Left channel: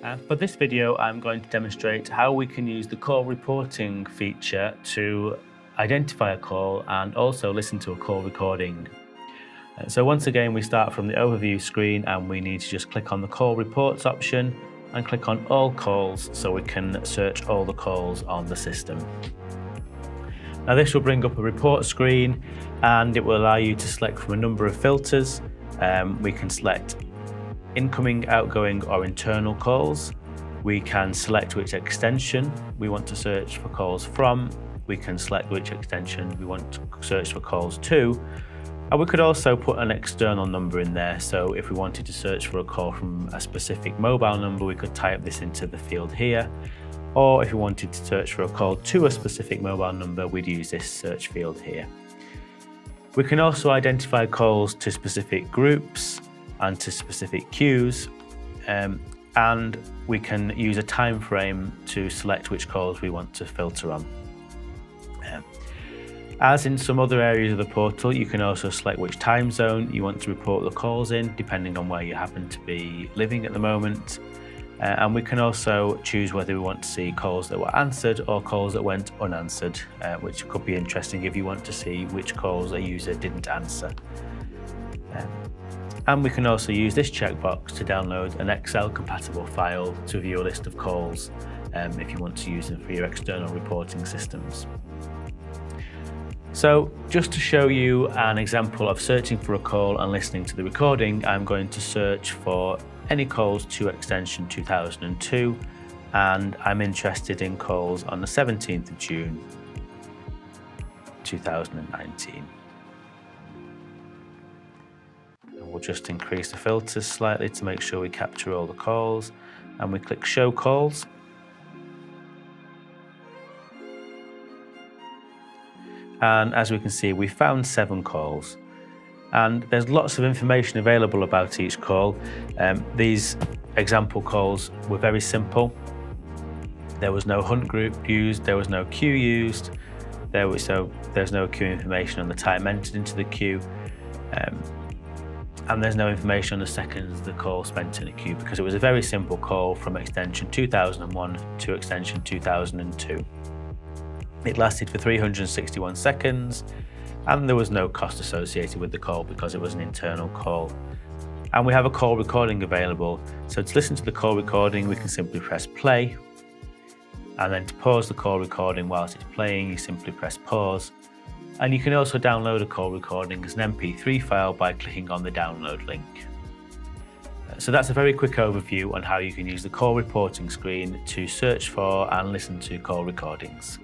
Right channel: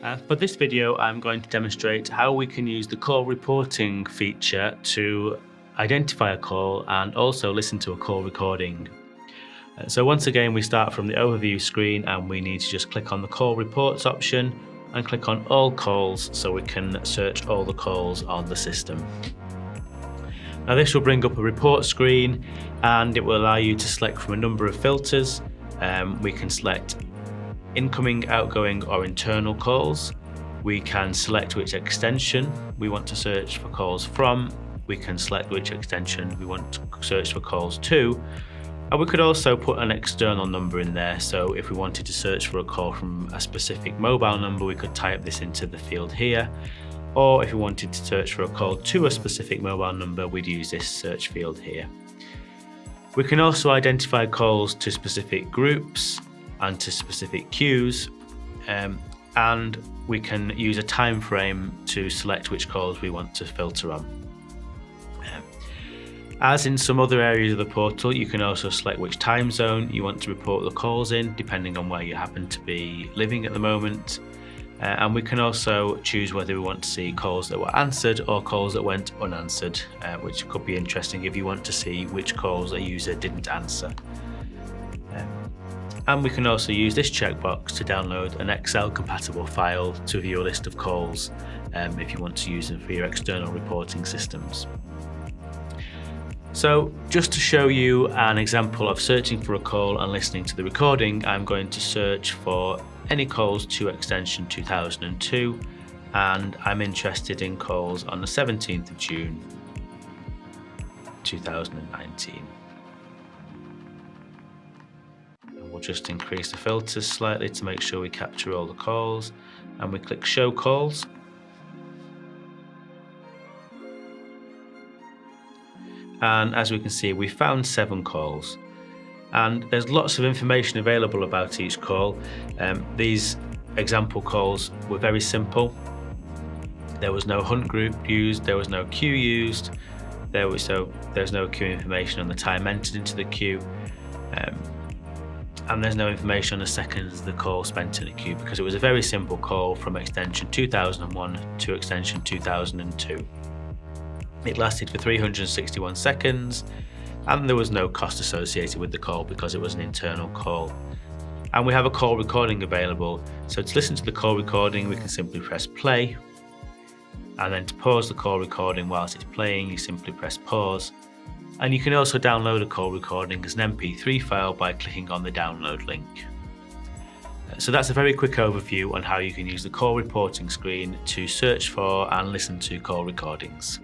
For this video, I'm going to demonstrate how we can use the call reporting feature to identify a call and also listen to a call recording. So once again, we start from the overview screen and we need to just click on the call reports option and click on all calls so we can search all the calls on the system. Now this will bring up a report screen and it will allow you to select from a number of filters. We can select incoming, outgoing or internal calls. We can select which extension we want to search for calls from. We can select which extension we want to search for calls to. And we could also put an external number in there. So if we wanted to search for a call from a specific mobile number, we could type this into the field here. Or if we wanted to search for a call to a specific mobile number, we'd use this search field here. We can also identify calls to specific groups and to specific queues, and we can use a time frame to select which calls we want to filter on. As in some other areas of the portal, you can also select which time zone you want to report the calls in, depending on where you happen to be living at the moment. And we can also choose whether we want to see calls that were answered or calls that went unanswered, which could be interesting if you want to see which calls a user didn't answer. And we can also use this checkbox to download an Excel compatible file to view a list of calls if you want to use it for your external reporting systems. So just to show you an example of searching for a call and listening to the recording, I'm going to search for any calls to extension 2002, and I'm interested in calls on the 17th of June 2019. We'll just increase the filters slightly to make sure we capture all the calls, and we click Show Calls. And as we can see, we found 7 calls. And there's lots of information available about each call. These example calls were very simple. There was no hunt group used, there was no queue used, there's no queue information on the time entered into the queue, and there's no information on the seconds the call spent in the queue, because it was a very simple call from extension 2001 to extension 2002. It lasted for 361 seconds, and there was no cost associated with the call because it was an internal call. And we have a call recording available, so to listen to the call recording we can simply press play, and then to pause the call recording whilst it's playing you simply press pause. And you can also download a call recording as an MP3 file by clicking on the download link. So that's a very quick overview on how you can use the call reporting screen to search for and listen to call recordings.